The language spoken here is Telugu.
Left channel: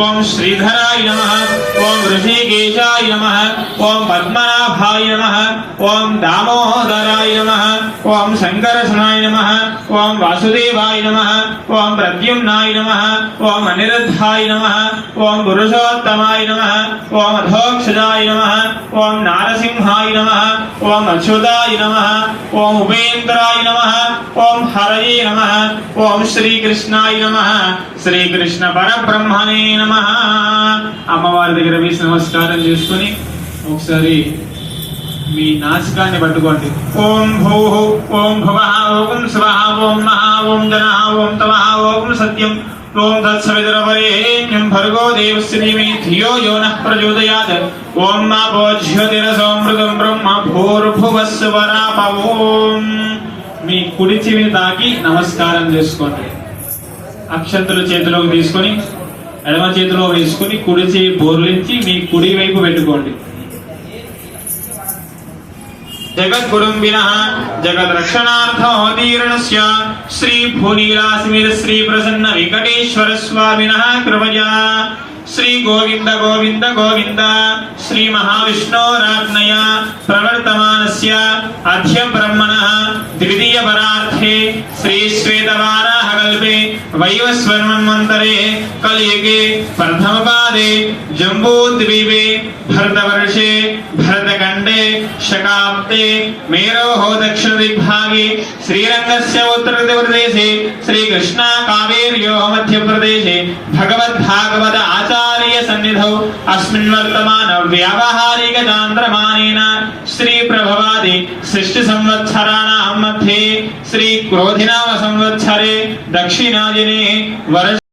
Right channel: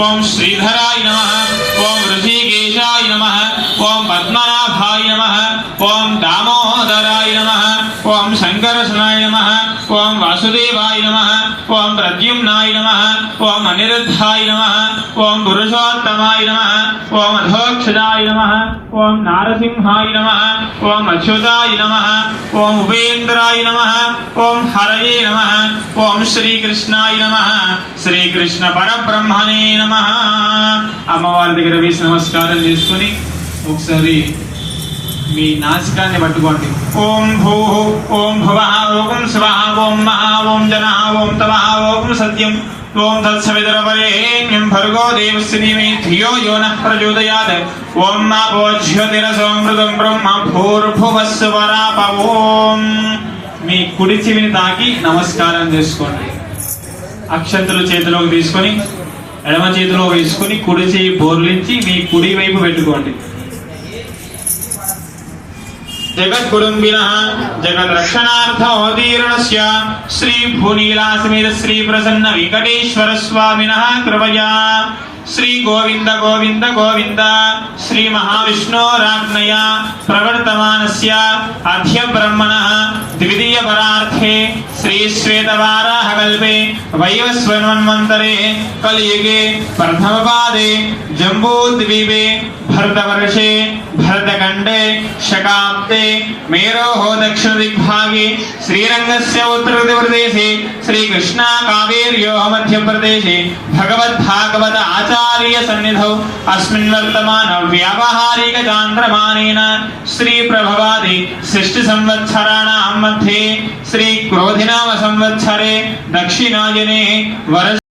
ओम श्रीधराय नमः ओम ऋषिकेशाय नमः ओम पद्मनाभाय नमः ओम दामोदराय नमः ओम शंकरसनाय नमः ओम वासुदेवाय नमः ओम प्रद्युम्नाय नमः ओम अनिरुद्धाय नमः ओम पुरुषोत्तमाय नमः ओम अधोक्षजाय नमः ओम नारसिंहाय नमः ओम अच्युताय नमः ओम उपेन्द्राय नमः ओम हरये नमः ओम श्रीकृष्णाय नमः శ్రీకృష్ణ పరబ్రహ్మణే నమః. అమ్మవారి దగ్గర వేసి నమస్కారం చేసుకుని ఒకసారి మీ నాసికాన్ని పట్టుకోండి. ఓం భూః ఓం భువః ఓం స్వః ఓం మహా ఓం జనః ఓం తమః ఓం సత్యం ఓం తత్సవితుర్వరేణ్యం భర్గో దేవస్య ధీమహి ధియో యో నః ప్రచోదయాత్. ఓం మాపో జ్యోతిరసోమృతం బ్రహ్మ భూర్భువస్సువరాప. ఓం మీ కుడి చెవిని తాకి నమస్కారం చేసుకోండి. అక్షంతలు చేతిలోకి తీసుకొని ఎడమ చేతిలో వేసుకుని కుడి చేయి బోర్లించి మీ కుడి వైపు పెట్టుకోండి. జగద్గురుంబినః జగద్రక్షణార్థోదీర్ణస్య శ్రీ భూనీలాసమేత శ్రీ ప్రసన్న వెంకటేశ్వర స్వామినః కృపయా శ్రీ గోవింద గోవింద గోవింద శ్రీ మహావిష్ణోరాజ్ఞయ ప్రవర్తమానస్య అధ్య బ్రహ్మణః ద్వితీయ పరార్థే శ్రీ శ్వేతవారాహ కల్పే వైవస్వన్మన్వంతరే కలియుగే ప్రథమ పాదే జంబూద్వీపే భరతవర్షే భరతఖండే శకాబ్దే మేరోః దక్షిణ దిగ్భాగే శ్రీరంగస్య ఉత్తరప్రదేశే శ్రీకృష్ణా కావేర్యోః మధ్యప్రదేశే భగవద్భాగవత ఆచార్య సన్నిధౌ అస్మిన్ వర్తమాన వ్యావహారిక చాంద్రమానేన శ్రీ ప్రభవాది షష్ఠి సంవత్సరాణాం మధ్యే శ్రీ క్రోధినామ సంవత్సరే దక్షిణాయనే